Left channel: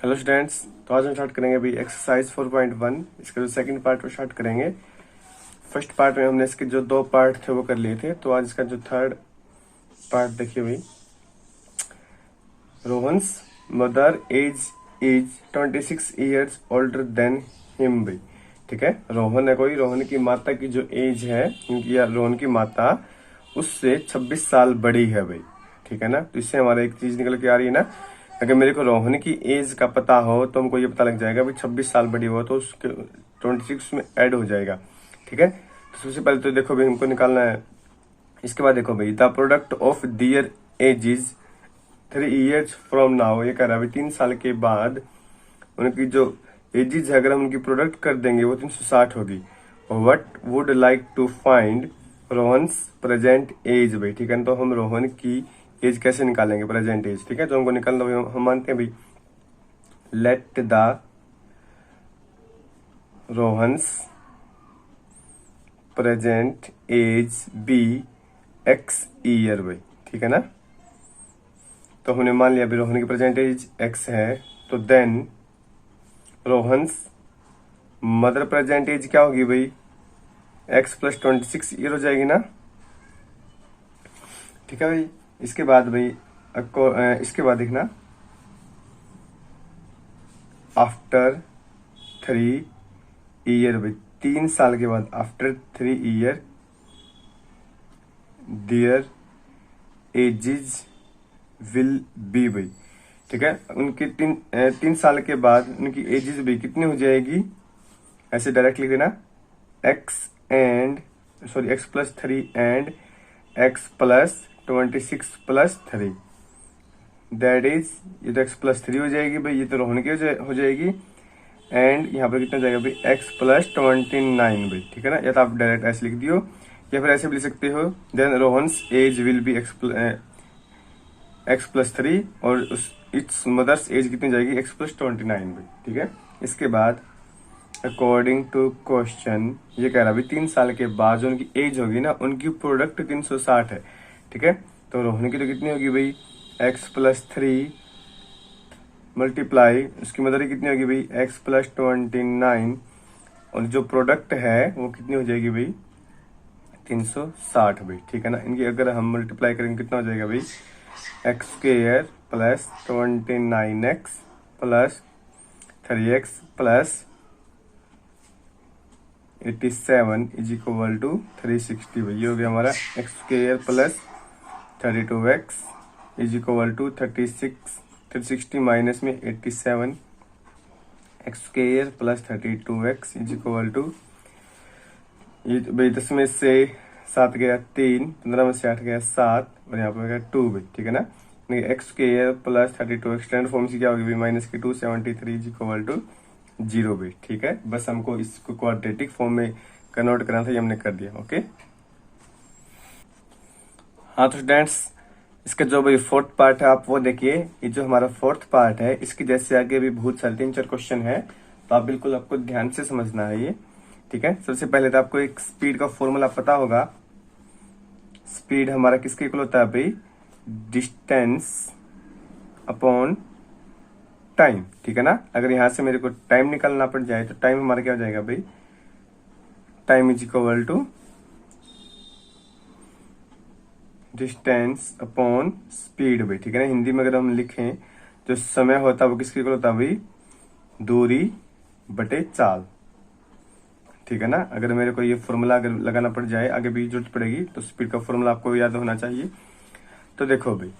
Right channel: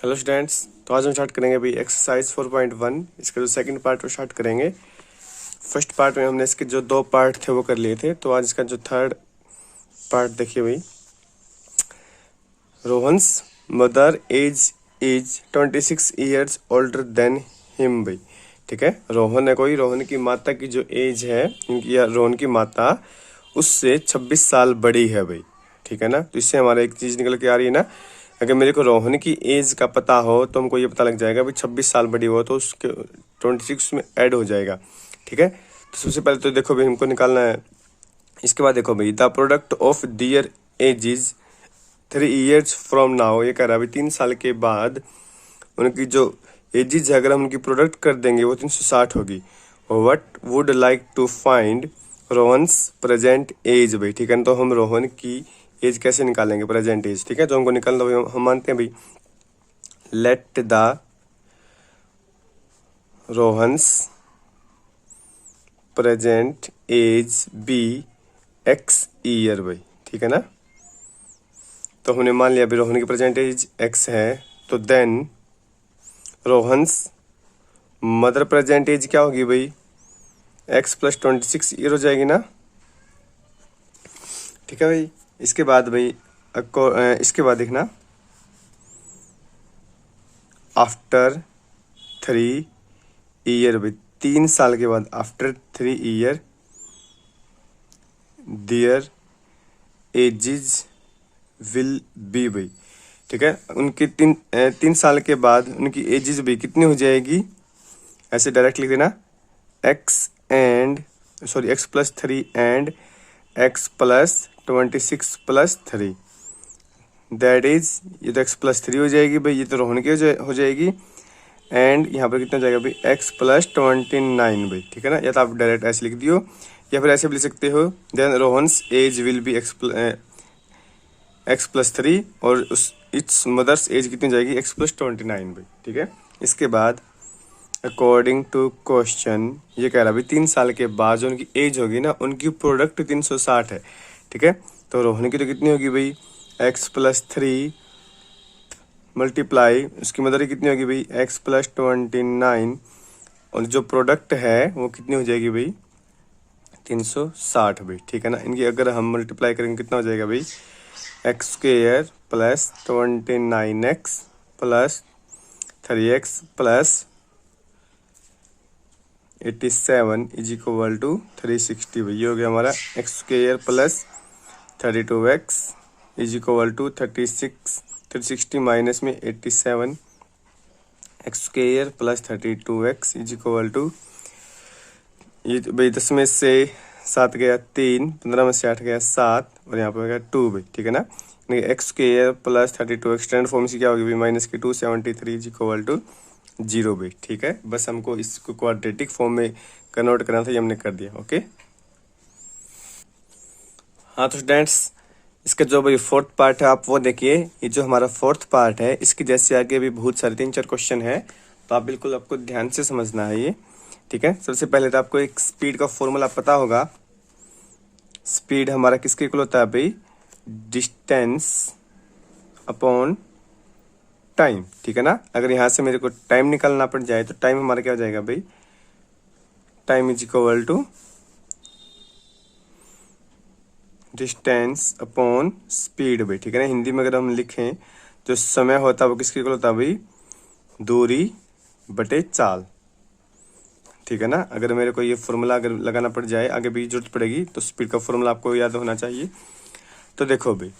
Hello students, तो आज हम स्टार्ट करेंगे अभी एक्सरसाइज 4.1। इसका जो सेकंड पार्ट वो स्टार्ट करेंगे। फर्स्ट पार्ट में हमने इसके जो दो पार्ट थे वो कर लिए थे, तो आज इसका जो थर्ड पार्ट देखिए भाई। Rohan's mother age is 26 years older than him भाई। ठीक है, रोहन है कोई, रोहन की माता की जो एज है इनकी या रोहन की माता उससे 26 साल बड़ी है भाई। ठीक है ना, तो इससे हमारा एक चीज निकल के आ रही है ना, अगर मेरे को रोहन की एज का पता हो तो हमको ये पता लग जाएगा भाई 26 साल बड़ी हो तो उसके 26 में ऐड हो जाएगा। ठीक है, तो सबसे पहले तो देखो भाई हमको निकालना है। इसके बाद देखो भाई, the product of their ages 3 years from now, ये कह रहा है भाई 3 साल के बाद उनकी जो एजिज है अगर हम उनकी प्रोडक्ट कर देंगे वो 360 होगी। What would like to find Rohan's present age भाई। ठीक है ना, तो हम रोहन की एज कैसे निकालेंगे, प्रेजेंट एज। ठीक है, तो हमको निकालना भाई, हम मानते हैं भाई let the Rohan's present age be X year भाई। ठीक है ना, तो हमने मान लिया भाई रोहन की प्रेजेंट एज एक्स है, तो then Rohan's mother present age क्या होगी भाई, एक्स प्लस 26 ईयर हो जाएगी ना। ठीक है भाई, इसके बाद भाई इसके बाद देखना, आफ्टर 3 ईयर भाई, 3 साल के बाद after 3 year their ages will be भाई। ठीक है, उनके 3 साल के बाद उनकी एजिज भी कितनी हो जाएगी, ऐसे डायरेक्ट लिख देना, x plus 3 and x plus 26 plus 3, that is, ये तो एक्स प्लस 3 हो जाएगी भाई, ये तो रोहन की हो जाएगी, एंड यहाँ पर कितना हो जाएगा भाई एक्स प्लस 29 भाई। ठीक है ना, या तो आप डायरेक्ट ऐसे लिख दियो या फिर ऐसे भी लिख सकते हो, then Rohan's age will be X plus 3 और उस इट्स मदर्स एज कितनी जाएगी, एक्स प्लस 29 भाई। ठीक है, इसके बाद अकॉर्डिंग टू क्वेश्चन ये कह रहा है भाई 3 साल के बाद जो उनकी एज होगी ना उनकी प्रोडक्ट 360 है। ठीक है, तो रोहन की तो कितनी होगी भाई एक्स प्लस 3 मल्टीप्लाई उसकी मदर कितनी होगी भाई एक्स प्लस 29, और जो प्रोडक्ट है वो कितनी हो जाएगी भाई 360 भाई। ठीक है ना, इनकी अगर हम मल्टीप्लाई करेंगे कितना हो जाएगा भाई X square plus 29x plus 3x plus 87 is equal to 360 भाई। ये हो गया हमारा X square plus 32x is equal to 360 minus में 87 X square plus 32x is equal to, ये भाई 10 में से 7 गया 3, 15 में से 8 गया 7 और यहाँ पे हो गया 2 भाई। ठीक है ना, x square plus 32x standard form से क्या होगी भाई माइनस की 273 इज इक्वल टू 0 भाई। ठीक है, बस हमको इसको क्वाड्रेटिक फॉर्म में कन्वर्ट करना था, ये हमने कर दिया। ओके, हाँ तो स्टूडेंट्स इसका जो भाई फोर्थ पार्ट है आप वो देखिए। ये जो हमारा फोर्थ पार्ट है इसके जैसे आगे भी बहुत सारे 3-4 क्वेश्चन है, तो आप बिल्कुल आपको ध्यान से समझना है ये। ठीक है, सबसे पहले तो आपको एक स्पीड का फॉर्मूला पता होगा। स्पीड हमारा किसके इक्वल होता है भाई, डिस्टेंस अपॉन टाइम। ठीक है ना, अगर यहाँ से मेरे को टाइम निकालना पड़ जाए तो टाइम हमारा क्या हो जाएगा भाई, time is equal to distance upon speed भाई। ठीक है ना, हिंदी में अगर हम लिखें तो समय होता है वो किसके इक्वल होता है भाई, दूरी बटे चाल। ठीक है ना, अगर मेरे को ये फॉर्मूला अगर लगाना पड़ जाए आगे भी जरूरत पड़ेगी तो स्पीड का फॉर्मूला आपको याद होना चाहिए। तो देखो भाई,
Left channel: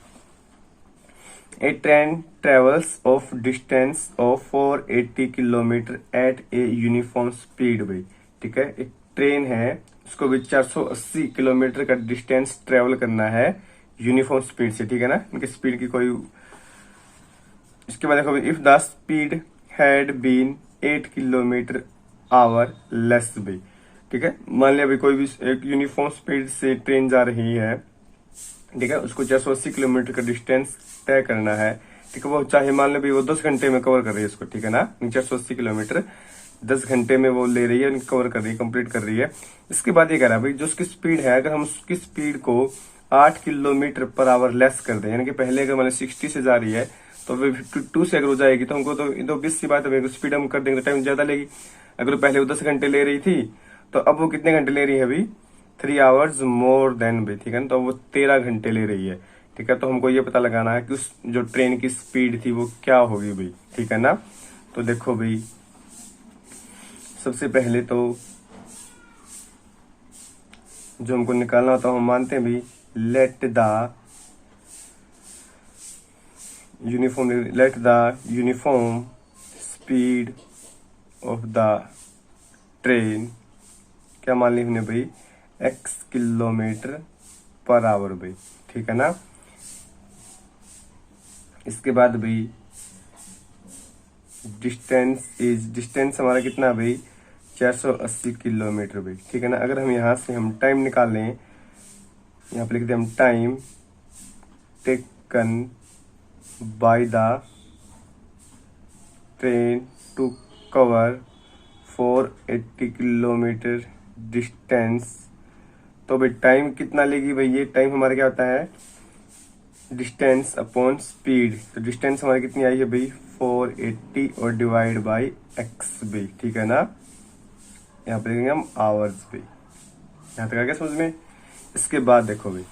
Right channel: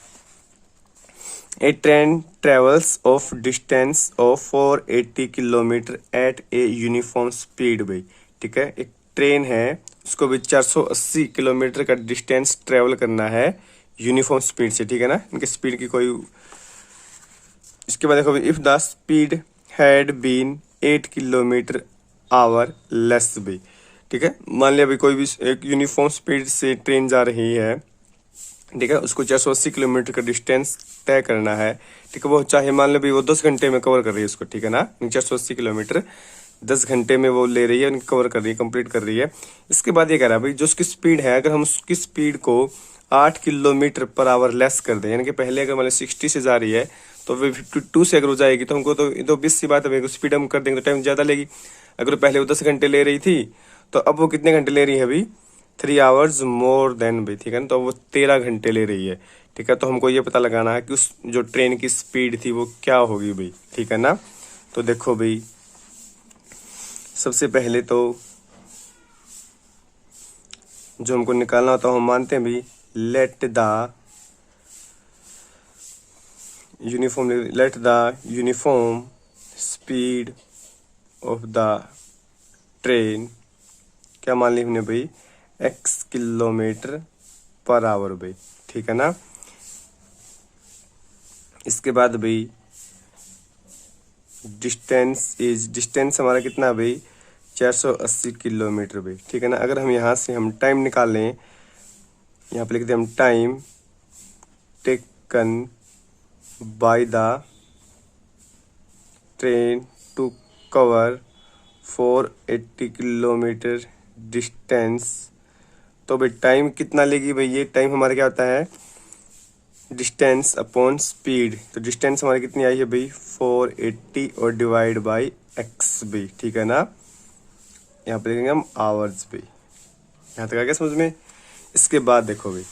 a train travels of distance of 480 kilometre at a uniform speed भाई। ठीक है, एक ट्रेन है उसको भी 480 किलोमीटर का डिस्टेंस ट्रेवल करना है यूनिफॉर्म स्पीड से। ठीक है ना, इनकी स्पीड की कोई, इसके बाद देखो if the speed had been 8 kilometre hour less भी। ठीक है, मान लिया भाई कोई भी एक यूनिफॉर्म स्पीड से ट्रेन जा रही है, ठीक है, उसको 480 किलोमीटर का डिस्टेंस तय करना है। ठीक है, वो चाहे मान लो भाई वो 10 घंटे में कवर कर रही है उसको। ठीक है ना, 480 किलोमीटर 10 घंटे में वो ले रही है, कवर कर रही है, कंप्लीट कर रही है। इसके बाद ये कह रहा है भाई जो उसकी स्पीड है अगर हम उसकी स्पीड को 8 किलोमीटर पर आवर लेस कर दें, यानी कि पहले अगर मैंने 60 से जा रही है तो वे 52 से अगर हो जाएगी तो हमको तो ये तो 20 सी बात है भाई, स्पीड हम कर देंगे तो टाइम ज़्यादा लेगी। अगर पहले वो 10 घंटे ले रही थी तो अब वो कितने घंटे ले रही है अभी, 3 आवर्स मोर देन भाई, ठीक है ना, तो वो 13 घंटे ले रही है, ठीक है। तो हमको ये पता लगाना है कि उस जो ट्रेन की स्पीड थी वो क्या होगी भाई, ठीक है ना। तो देखो भाई, सबसे पहले तो जो हमको निकालना होता है हम मानते हैं भाई, let the uniform speed of the train, क्या मान ली हमने भाई, x किलोमीटर पर आवर भाई, ठीक है ना। इसके बाद भाई डिस्टेंस हमारा कितना भाई, 480 किलोमीटर भाई, ठीक है ना। अगर हम यहाँ से हम टाइम निकाल लें, यहाँ पे लिखते हैं हम time taken by the train to cover 480 kilometre distance, तो भाई टाइम कितना लेगी भाई, ये टाइम हमारा क्या होता है, डिस्टेंस अपॉन स्पीड। तो डिस्टेंस हमारी कितनी आई है भाई, 480 और डिवाइड बाय एक्स भाई, ठीक है ना। यहाँ पे लिखेंगे हम आवर्स भाई। यहाँ तक आ गया समझ में। इसके बाद देखो भाई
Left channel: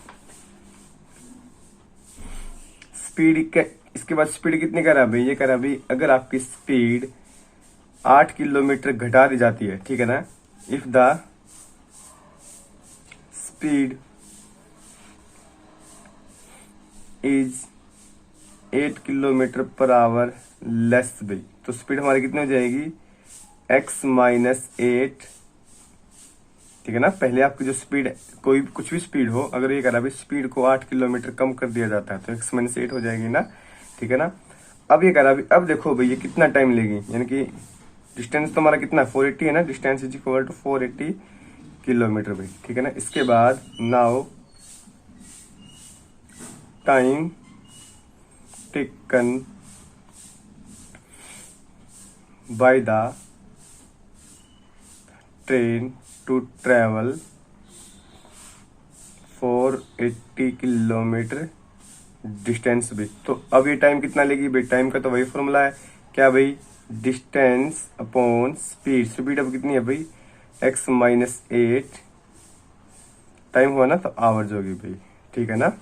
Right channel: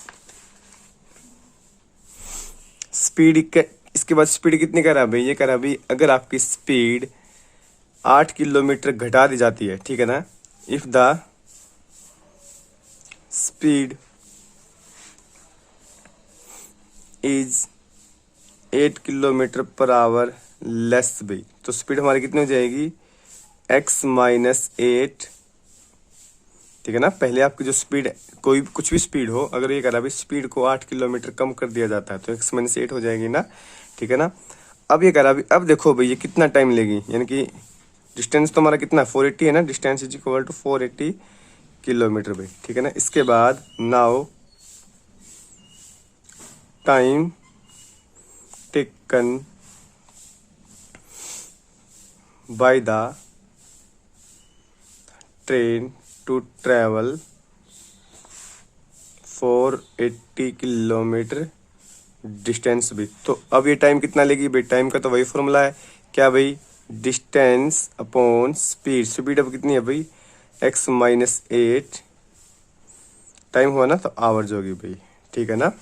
इसके बाद स्पीड कितनी करा भाई, ये करा भाई, अगर आपकी स्पीड 8 किलोमीटर घटा दी जाती है, ठीक है ना, if the speed is 8 kilometre per hour less भाई, तो स्पीड हमारी कितनी हो जाएगी, x माइनस 8, ठीक है ना। पहले आपकी जो स्पीड, कोई कुछ भी स्पीड हो, अगर ये करा भाई स्पीड को 8 किलोमीटर कम कर दिया जाता है तो x माइनस 8 हो जाएगी ना, ठीक है ना। अब ये करा भाई, अब देखो भाई ये कितना टाइम लेगी, यानी कि डिस्टेंस तो हमारा कितना 480 है ना, distance is equal to 480 kilometre भाई, ठीक है ना। इसके बाद now time taken by the train to travel 480 kilometre distance भी, तो अब ये टाइम कितना लेगी भाई, टाइम का तो वही फॉर्मूला है, क्या भाई, डिस्टेंस अपॉन स्पीड। स्पीड अब कितनी है भाई, x माइनस 8, टाइम हुआ ना तो आवर्स होगी भाई, ठीक है ना।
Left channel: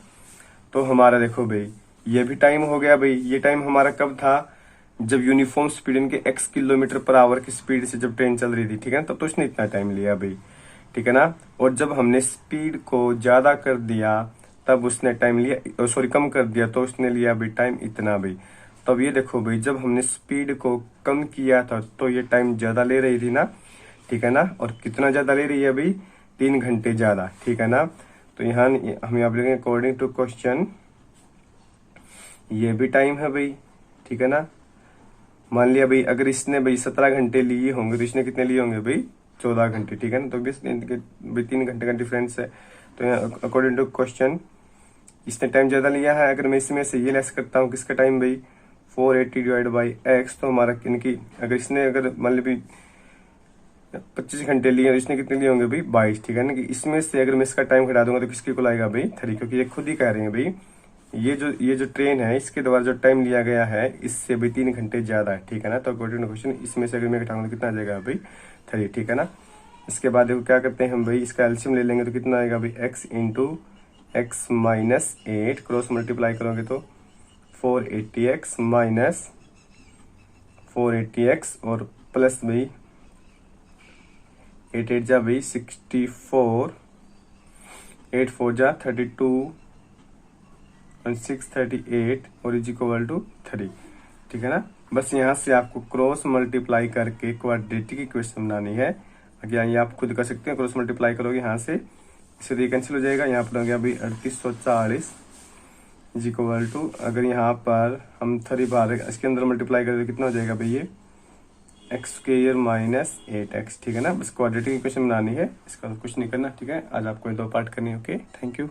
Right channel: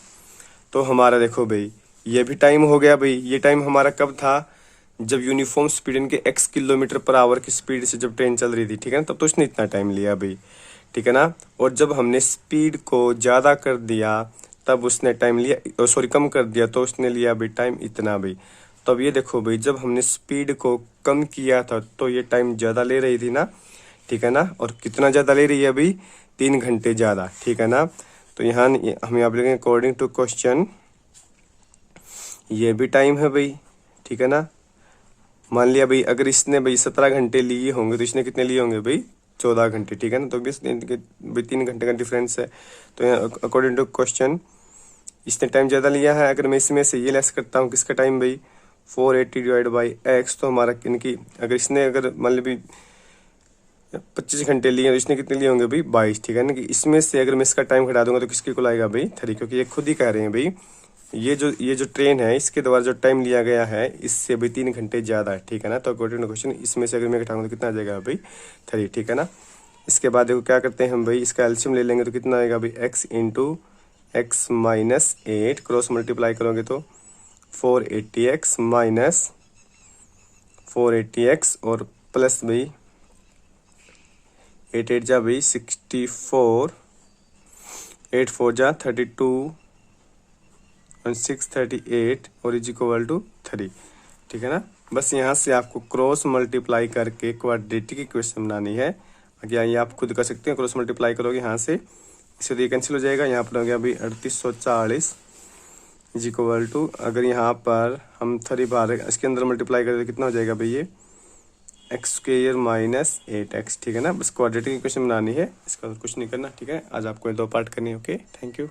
तो हमारा देखो भाई ये भी टाइम हो गया भाई। ये टाइम हमारा कब था, जब यूनिफॉर्म स्पीड इनके x किलोमीटर पर आवर की स्पीड से जब ट्रेन चल रही थी, ठीक है ना, तब तो उसने इतना टाइम लिया भाई, ठीक है ना। और जब हमने स्पीड को ज़्यादा कर दिया तब उसने टाइम लिया, सॉरी कम कर दिया तो उसने लिया भाई टाइम इतना भाई। तो अब ये देखो भाई, जब हमने स्पीड को कम किया था तो ये टाइम ज़्यादा ले रही थी ना, ठीक है ना। और कितना ज़्यादा ले रही है अभी, 3 घंटे ज़्यादा, ठीक है ना। तो यहाँ हम यहाँ पे लिखेंगे अकॉर्डिंग टू क्वेश्चन, ये भी टाइम है भाई, ठीक है ना। मान लिया भाई अगर इसने भाई 17 घंटे लिए होंगे तो इसने कितने लिए होंगे भाई, 14 घंटे, ठीक है ना। तो भी 3 घंटे का डिफरेंस है। तो यहाँ अकॉर्डिंग टू क्वेश्चन इसने टाइम ज़्यादा लिया है। अगर मैं इसमें से ये लेस करता हूँ किसका टाइम भाई, 480 डिवाइड बाई एक्स, तो हमारा इनकी अगर इसने अगर मान ली भाई 25 घंटे लिए तो इसने कितने लिए होंगे भाई, 22, ठीक है ना। कि इसमें से अगर मैं इसका टाइम घटा दूंगा तो किसके को आएगा भाई, 3, क्योंकि ये खुद ही कह रहे हैं भाई ये जो ट्रेन है इसके द्वारा जो टाइम लिया गया है इससे भी 3 घंटे ज़्यादा है, ठीक है ना। तो अकॉर्डिंग टू क्वेश्चन इसमें से अगर मैं घटाऊंगा तो कितना आ जाएगा भाई, 3, ठीक है ना। इसके बाद देखो क्या करते हैं हम भाई, इसका एलसीएम ले लेंगे तो कितना आएगा भाई, x into x minus 8, cross multiply करोगे तो 480x माइनस 480x और प्लस भाई 8 8 जा भाई 64, 8 4 जा 32 और 6 38 और इज इक्वल टू 3, ठीक है ना। बस यहाँ से आपको क्रॉस मल्टीप्लाई करके क्वाड्रेटिक इक्वेशन बनानी है। अगर ये आप खुद कर सकते हैं, क्रॉस मल्टीप्लाई करोगे यहाँ से, इससे तो ये कैंसिल हो जाएगा। यहाँ पर हो गया भाई 3840 इज इक्वल टू, अगर यहाँ पर हम 3 बार इसके अंदर मल्टीप्लाई करें तो कितना हो जाएगा भाई, ये एक्स स्क्वेयर माइनस 8x, ठीक है ना। बस क्वाड्रेटिक इक्वेशन बनानी है, इसका कुछ नहीं करना, ठीक है। आज आपको 2 पार्ट करनी है। Okay, thank you.